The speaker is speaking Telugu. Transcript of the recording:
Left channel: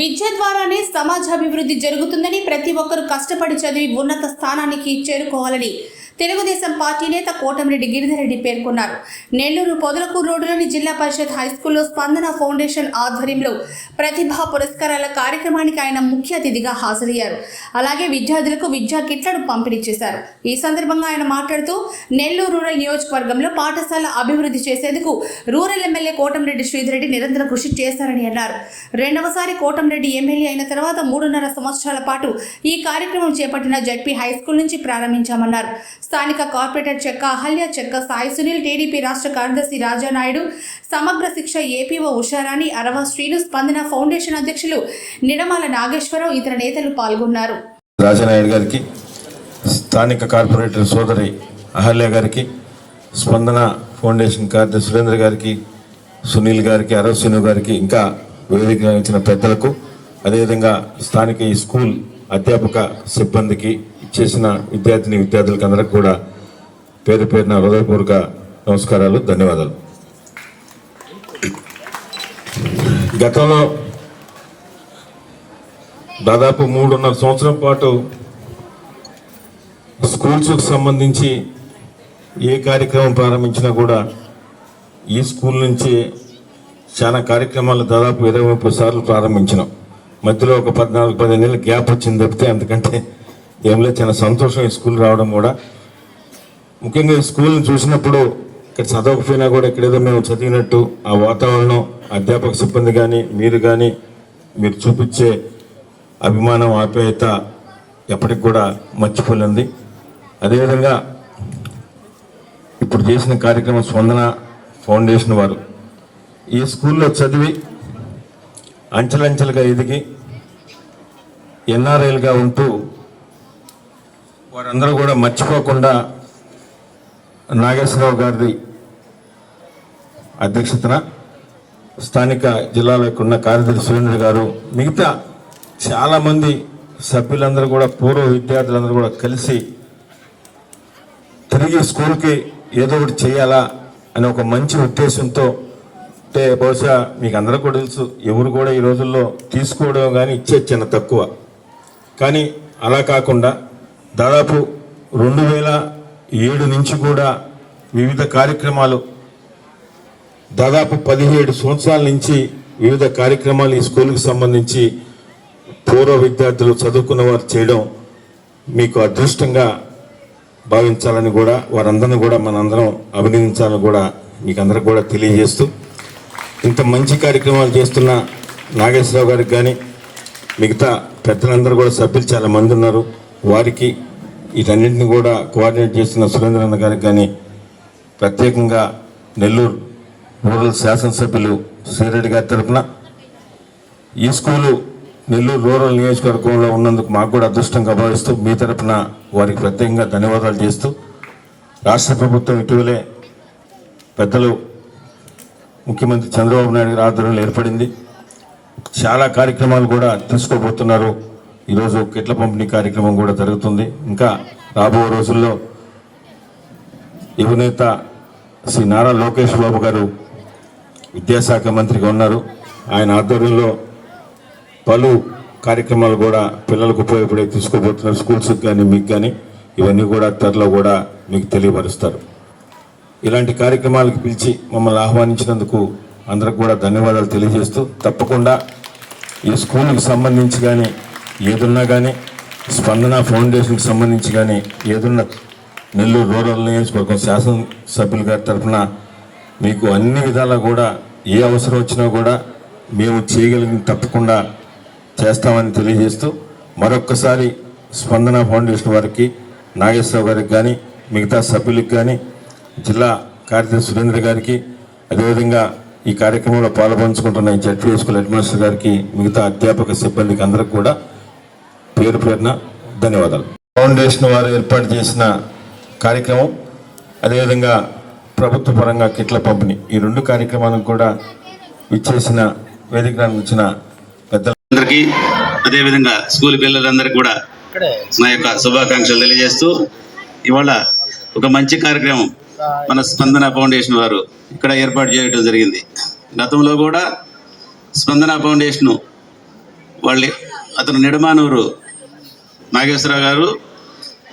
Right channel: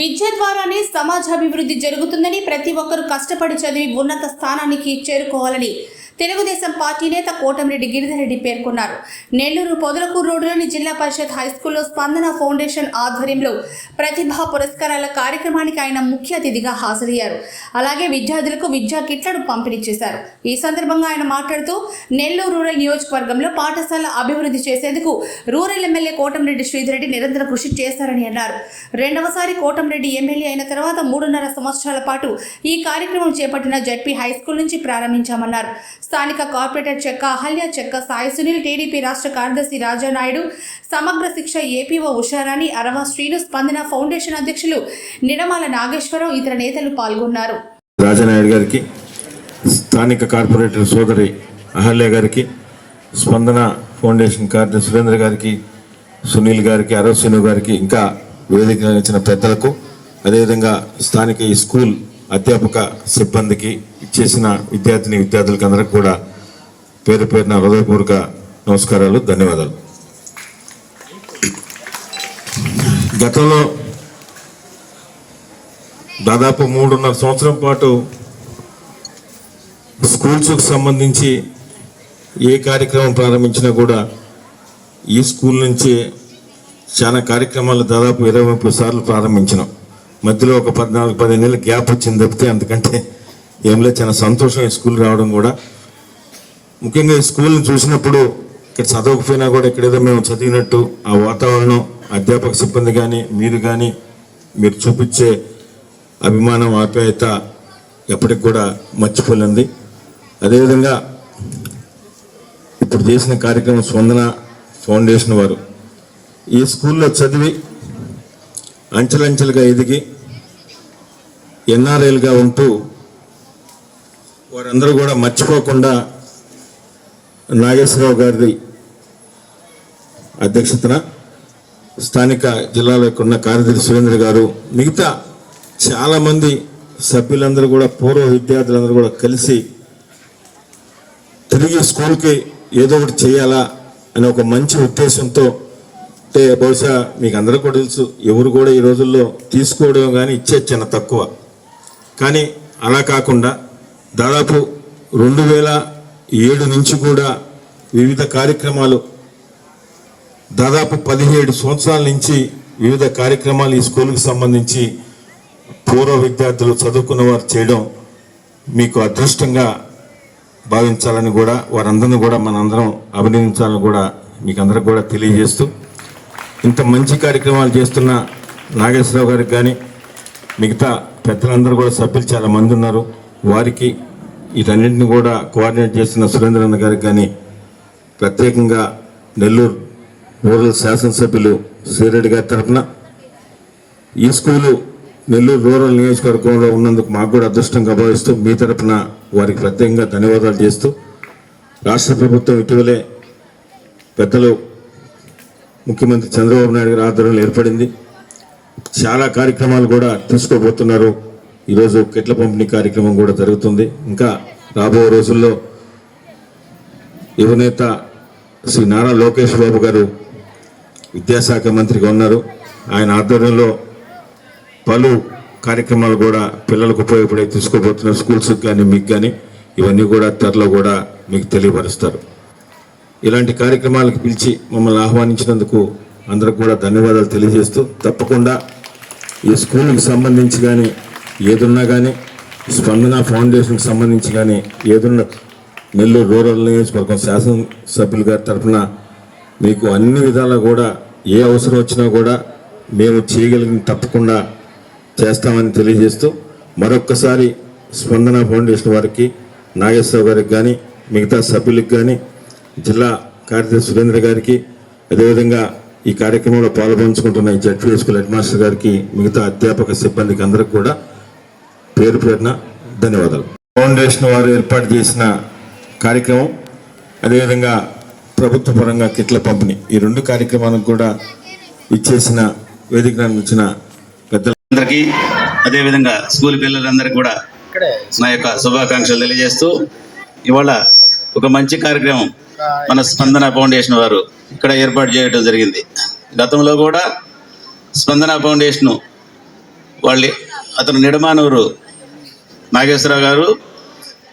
విద్య ద్వారానే సమాజాభివృద్ధి జరుగుతుందని ప్రతి ఒక్కరూ కష్టపడి చదివి ఉన్నత స్థానానికి చేరుకోవాలని తెలుగుదేశం పార్టీ నేత కోటమిరెడ్డి గిరిధరెడ్డి పేర్కొన్నారు. నెల్లూరు పొదలకూరు రోడ్డులోని జిల్లా పరిషత్ హైస్కూల్లో స్పందన ఫౌండేషన్ ఆధ్వర్యంలో ప్రతిభా పురస్కారాల కార్యక్రమానికి ఆయన ముఖ్య అతిథిగా హాజరయ్యారు. అలాగే విద్యార్థులకు విద్యా కిట్లను పంపిణీ చేశారు. ఈ సందర్భంగా ఆయన మాట్లాడుతూ నెల్లూరు రూరల్ నియోజకవర్గంలో పాఠశాల అభివృద్ధి చేసేందుకు రూరల్ ఎమ్మెల్యే కోటమిరెడ్డి శ్రీధరెడ్డి నిరంతర కృషి చేశారని అన్నారు. రెండవసారి కోటంరెడ్డి ఎమ్మెల్యే అయిన తర్వాత మూడున్నర సంవత్సరాల పాటు ఈ కార్యక్రమం చేపట్టిన జడ్పీ హై స్కూల్ నుంచి ప్రారంభించామన్నారు. స్థానిక కార్పొరేటర్ చెక్క అహల్య చెక్క సాయి సునీల్ టీడీపీ రాష్ట్ర కార్యదర్శి రాజానాయుడు సమగ్ర శిక్ష ఏపీఓ ఉషారాణి అరవ శ్రీను స్పందన ఫౌండేషన్ అధ్యక్షులు నిడమాల నాగేశ్వరరావు ఇతర నేతలు పాల్గొన్నారు. రాజానాయుడు గారికి స్థానిక కార్పొరేటర్ సోదరి అహల్య గారికి స్పందన ఫౌండేషన్ కార్యదర్శి సురేంద్ర గారికి సునీల్ గారికి అరవశ్రీను గారికి ఇంకా వేదిక ఇచ్చిన పెద్దలకు అదేవిధంగా స్థానిక ఈ స్కూల్ అధ్యాపక సిబ్బందికి ఇచ్చేసిన విద్యార్థిని విద్యార్థులకు అందరికి కూడా పేరు పేరున హృదయపూర్వక నమస్కారాలు ధన్యవాదాలు. గతంలో దాదాపు మూడున్నర సంవత్సరం పాటు స్కూల్స్కి సంబంధించి ఏ కార్యక్రమం ప్రారంభించినా కూడా ఈ స్కూల్ నుంచి చాలా కార్యక్రమాలు దాదాపు ఇరవై ముప్పై సార్లు ప్రారంభించినాం. మధ్యలో ఒక పద్నాలుగు పదిహేను నెలల గ్యాప్ వచ్చింది తప్పితే అందుకంటే ఏం లేదు. చాలా సంతోషం ఈ స్కూల్ రావడం కూడా. ముఖ్యంగా ఈ స్కూల్ని చూసినప్పుడు ఇక్కడ చదవకపోయినా కూడా ఇక్కడ ఏదో మేము చదివినట్టు ఆ వాతావరణం అధ్యాపక సిబ్బంది కానీ మీరు కానీ మీరు చూపించే అభిమానం ఆప్యాయత ఎప్పటికి కూడా మర్చిపోలేంది అదేవిధంగా ఇప్పుడు చేసిన కార్యక్రమం స్పందన ఫౌండేషన్ వారు. ఈ స్కూల్లో చదివి అంచెలంచెలుగా ఎదిగి ఎన్ఆర్ఐలుగా ఉంటూ వారందరూ కూడా మర్చిపోకుండా నాగేశ్వరరావు గారి అధ్యక్షతన స్థానిక జిల్లాలకు ఉన్న కార్యదర్శి సురేంద్ర గారు మిగతా చాలామంది సభ్యులందరూ కూడా పూర్వ విద్యార్థులందరూ కూడా కలిసి తిరిగి స్కూల్కి ఏదో ఒకటి చేయాలా అనే ఒక మంచి ఉద్దేశంతో అంటే బహుశా మీకు అందరూ కూడా తెలుసు ఎవరు కూడా ఈ రోజుల్లో తీసుకోవడం కానీ ఇచ్చే చిన్న తక్కువ. కానీ అలా కాకుండా దాదాపు రెండు వేల ఏడు నుంచి కూడా వివిధ కార్యక్రమాలు దాదాపు పదిహేడు సంవత్సరాల నుంచి వివిధ కార్యక్రమాలు ఈ స్కూల్కి సంబంధించి పూర్వ విద్యార్థులు చదువుకున్న వారు చేయడం మీకు అదృష్టంగా భావించాలని కూడా వారందరిని కూడా మనందరం అభినందించాలని కూడా మీకు అందరికి కూడా తెలియజేస్తూ ఇంత మంచి కార్యక్రమాలు చేస్తున్న నాగేశ్వరరావు గారికి కానీ మిగతా పెద్దలందరూ కూడా సభ్యులు చాలా మంది ఉన్నారు. వారికి వీటన్నింటిని కూడా కోఆర్డినేట్ చేస్తున్న సురేంద్రన్న గారికి కానీ ప్రత్యేకంగా నెల్లూరు రూరల్ శాసనసభ్యులు శ్రీరెడ్డి గారి తరఫున ఈ స్కూలు నెల్లూరు రూరల్ నియోజకవర్గంలో ఉన్నందుకు మాకు కూడా అదృష్టంగా భావిస్తూ మీ తరపున వారికి ప్రత్యేకంగా ధన్యవాదాలు చేస్తూ రాష్ట్ర ప్రభుత్వం ఇటీవలే పెద్దలు ముఖ్యమంత్రి చంద్రబాబు నాయుడు గారి ఆధ్వర్యంలో ఏర్పడింది. చాలా కార్యక్రమాలు కూడా తీసుకోబోతున్నారు. ఈరోజు కిట్ల పంపిణీ కార్యక్రమం కూడా జరుగుతుంది. ఇంకా రాబో రోజుల్లో యువనేత శ్రీ నారా లోకేష్ బాబు గారు విద్యాశాఖ మంత్రిగా ఉన్నారు. ఆయన ఆధ్వర్యంలో పలు కార్యక్రమాలు కూడా పిల్లలకు ఉపయోగపడే తీసుకోబోతున్నారు. స్కూల్స్కి కానీ మీకు కానీ ఇవన్నీ కూడా త్వరలో కూడా మీకు తెలియపరుస్తారు. ఇలాంటి కార్యక్రమాలకు పిలిచి మమ్మల్ని ఆహ్వానించినందుకు అందరికి కూడా ధన్యవాదాలు తెలియజేస్తూ తప్పకుండా ఈ స్కూల్కి సంబంధించి కానీ ఏదున్నా కానీ స్పందన ఫౌండేషన్కి సంబంధించి కానీ ఏదున్న నెల్లూరు రూరల్ నియోజకవర్గం శాసనసభ్యులు గారి తరఫున మీకు అన్ని విధాలా కూడా ఏ అవసరం వచ్చినా కూడా మేము చేయగలిగిన తప్పకుండా చేస్తామని తెలియజేస్తూ మరొక్కసారి స్పందన ఫౌండేషన్ వారికి నాగేశ్వరరావు గారికి కానీ మిగతా సభ్యులకు కానీ జిల్లా కార్యదర్శి సురేంద్ర గారికి అదేవిధంగా ఈ కార్యక్రమంలో పాల్పంచుకుంటున్న ఈ జడ్పీ స్కూల్ హెడ్ మాస్టర్ గారికి మిగతా అధ్యాపక సిబ్బందికి అందరికి కూడా పేరు పేరున ధన్యవాదాలు. ఫౌండేషన్ వారు ఏర్పాటు చేసిన కార్యక్రమం అదేవిధంగా ప్రభుత్వ పరంగా కిట్ల పంపిణీ. ఈ రెండు కార్యక్రమాలకు కూడా ఇచ్చేసిన వేదిక ఇచ్చిన పెద్దల అందరికీ అదేవిధంగా స్కూల్ పిల్లలందరికీ కూడా నా యొక్క శుభాకాంక్షలు తెలియజేస్తూ ఇవాళ ఒక మంచి కార్యక్రమం. మన స్పందన ఫౌండేషన్ వారు ఇక్కడ ఏర్పాటు చేయడం జరిగింది. గతంలో కూడా స్పందన ఫౌండేషన్ వాళ్ళు అతను నిడమానూరు నాగేశ్వరరావు గారు